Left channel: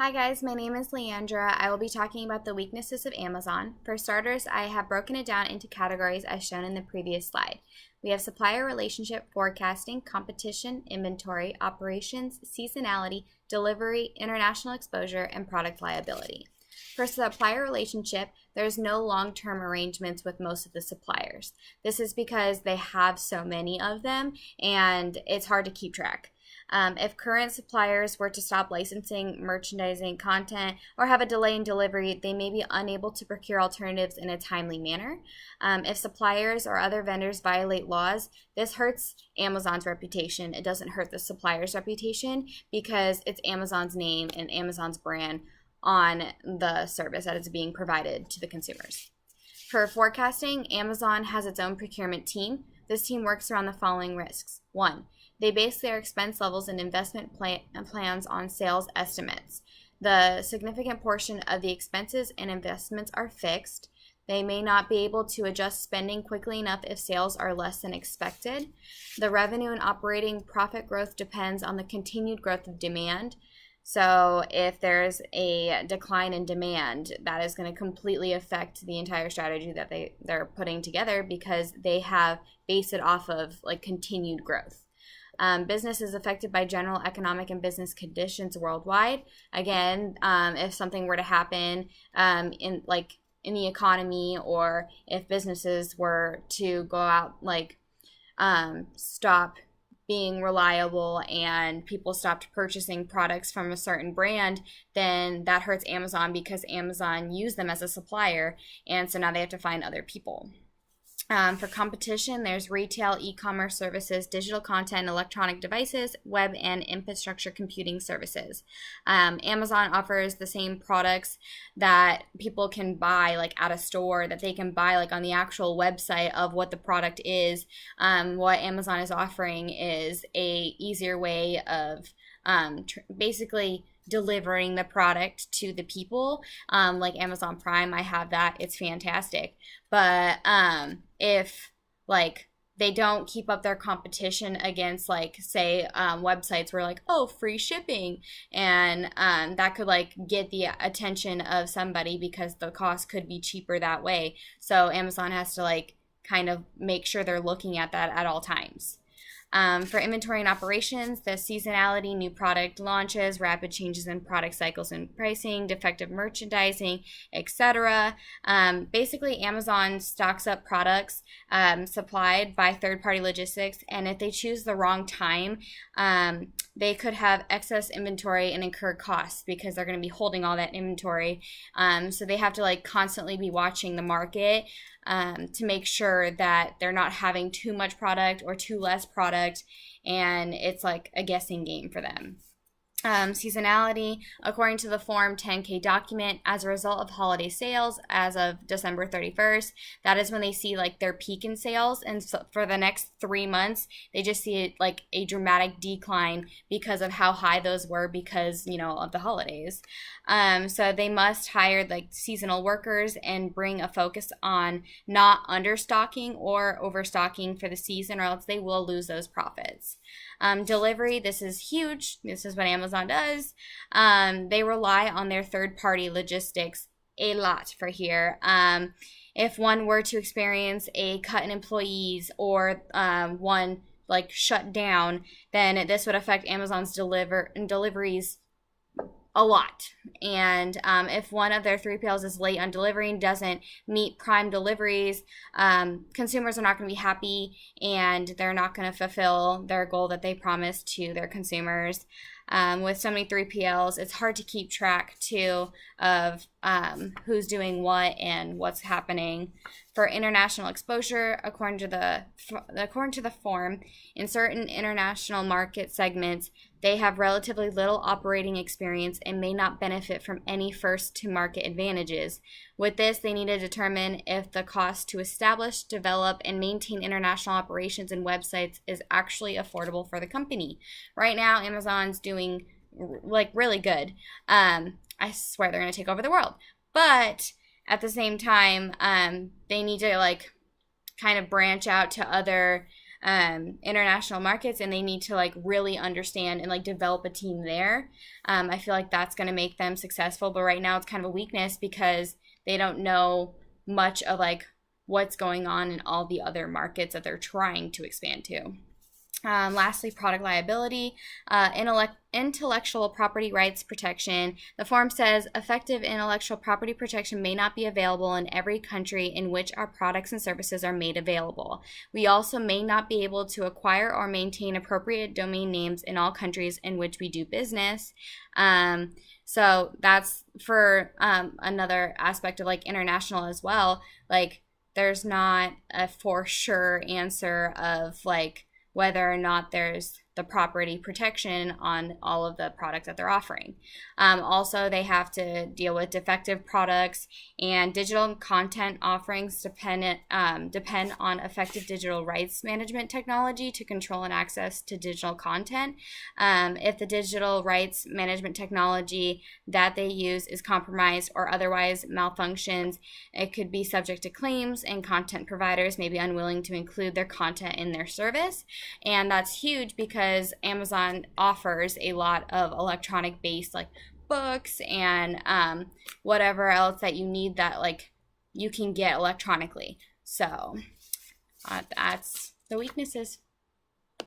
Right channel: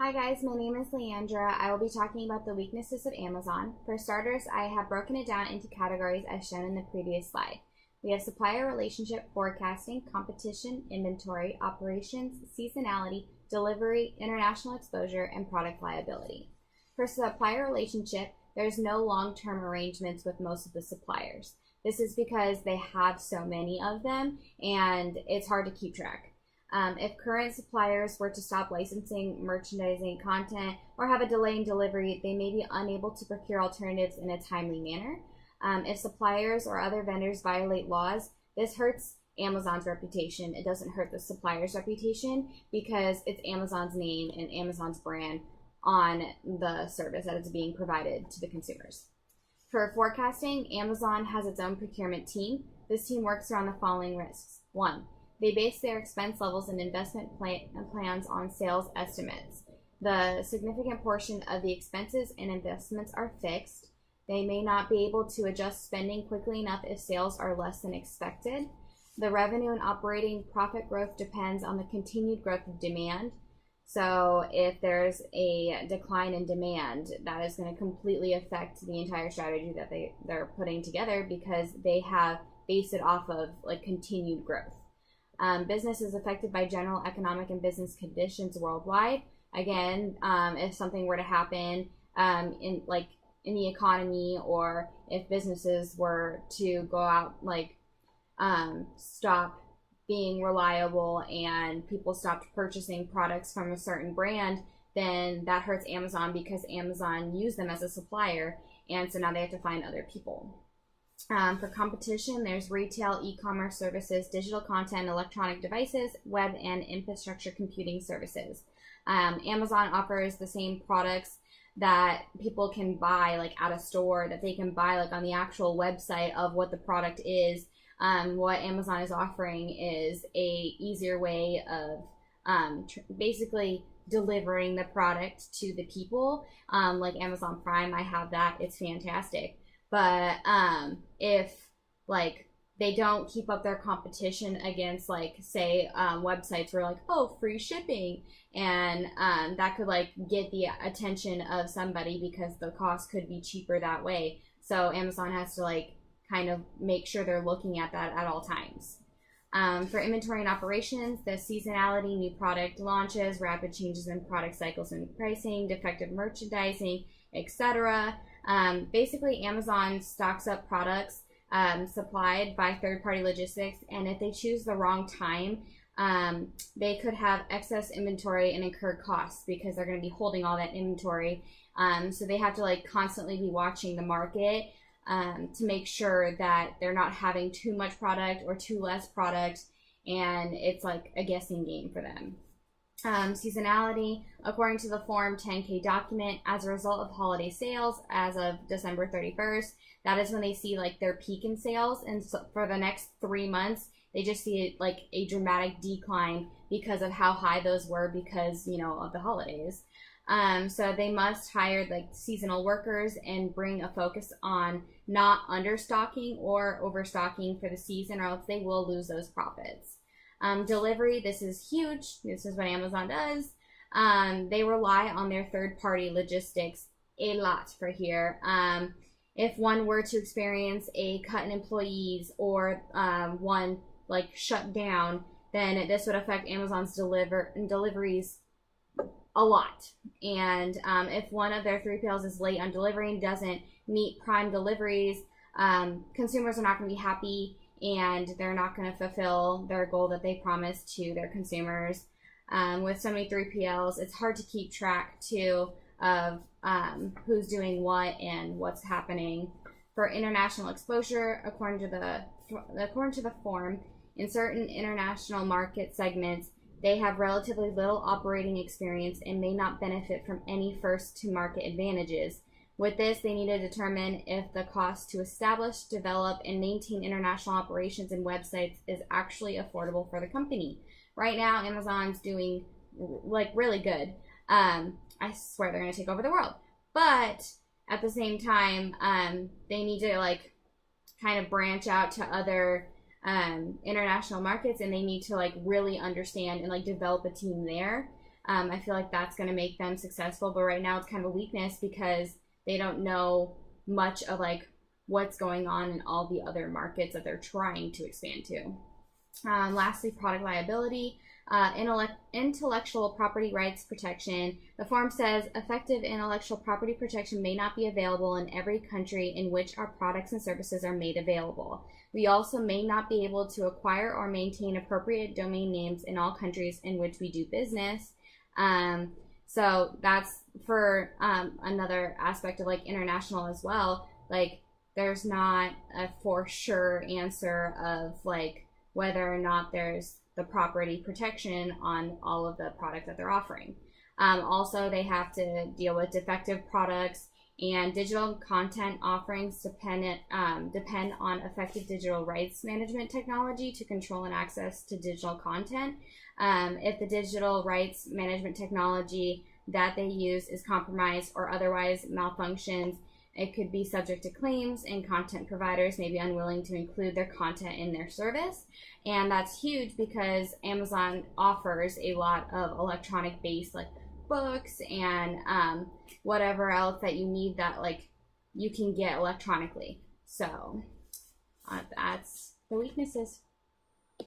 Hi guys, my name is Leandra. I will be talking about the weaknesses of Amazon. For starters, I have broken it down into categories as shown in the previous slide. We have supplier relationship, forecasting, competition, inventory, operations, seasonality, delivery, international exposure, and product liability. For supplier relationship, there's no long-term arrangements with most of the suppliers. This is because they have so many of them and it's hard to keep track. If current suppliers were to stop licensing, merchandising content, or have a delay in delivery, they may be unable to procure alternatives in a timely manner. If suppliers or other vendors violate laws, this hurts Amazon's reputation. It doesn't hurt the supplier's reputation because it's Amazon's name and Amazon's brand on the service that is being provided to the consumers. For forecasting, Amazon has its own procurement team. This team works around the following risks. 1. They base their expense levels and investment plans on sales estimates. The significant portion of the expenses and investments are fixed. They may not be able to adjust spending quickly enough if sales are less than expected. The revenue and operating profit growth depends on the continued growth of demand. So if there's a decline in demand, that is going to completely affect the entire strategy that they're putting together because they have based it off of like continued growth. Business is affected by general economic and business conditions worldwide. Again, if something were to happen in the economy, or if businesses were to go out stop being reliable and people stopped purchasing products from a certain brand, then that hurts Amazon because Amazon used them as a supplier, and so now they have to find other people. For competition, there's retail, e-commerce services, digital content, electronic devices, web and infrastructure computing services. Amazon offers the same products that people can buy at a store, that they can buy on the actual website of what the product is. What Amazon is offering is a easier way of basically delivering the product to the people, like Amazon Prime. I have that. It's fantastic. But if they don't keep up their competition against say websites where free shipping, and that could get the attention of somebody because the cost could be cheaper that way. So Amazon has to kind of make sure they're looking at that at all times. For inventory and operations, the seasonality, new product launches, rapid changes in product cycles and pricing, defective merchandising, etc. Basically, Amazon stocks up products supplied by third-party logistics, and if they choose the wrong time, they could have excess inventory and incur costs because they're going to be holding all that inventory. So they have to constantly be watching the market to make sure that they're not having too much product or too less product, and it's a guessing game for them. Seasonality, according to the Form 10-K document, as a result of holiday sales as of December 31st, that is when they see their peak in sales, and so for the next 3 months, they just see a dramatic decline because of how high those were because, of the holidays. So they must hire seasonal workers and bring a focus on not understocking or overstocking for the season, or else they will lose those profits. Delivery, this is huge. This is what Amazon does. They rely on their third-party logistics a lot for here. If one were to experience a cut in employees or one shut down, then this would affect Amazon's deliveries a lot. And if one of their 3PLs is late on delivering, doesn't meet Prime deliveries, consumers are not going to be happy, and they're not going to fulfill their goal that they promised to their consumers. With so many 3PLs, it's hard to keep track too of who's doing what and what's happening. For international exposure, according to the form, in certain international market segments, they have relatively little operating experience and may not benefit from any first-to-market advantages. With this, they need to determine if the cost to establish, develop, and maintain international operations and websites is actually affordable for the company. Right now, Amazon's doing really good. I swear they're going to take over the world. But at the same time, they need to kind of branch out to other international markets, and they need to like really understand and like develop a team there. I feel like that's going to make them successful, but right now it's kind of a weakness because they don't know much of like what's going on in all the other markets that they're trying to expand to. Lastly, product liability, intellectual property rights protection. The form says effective intellectual property protection may not be available in every country in which our products and services are made available. We also may not be able to acquire or maintain appropriate domain names in all countries in which we do business. So that's for another aspect of like international as well. Like there's not a for sure answer of like whether or not there's the property protection on all of the products that they're offering. Also, they have to deal with defective products, and digital content offerings depend on effective digital rights management technology to control and access to digital content. If the digital rights management technology that they use is compromised or otherwise malfunctions, it could be subject to claims, and content providers may be unwilling to include their content in their service. And that's huge because Amazon offers a lot of electronic based like books and whatever else that you need that like you can get electronically. So that's the weaknesses.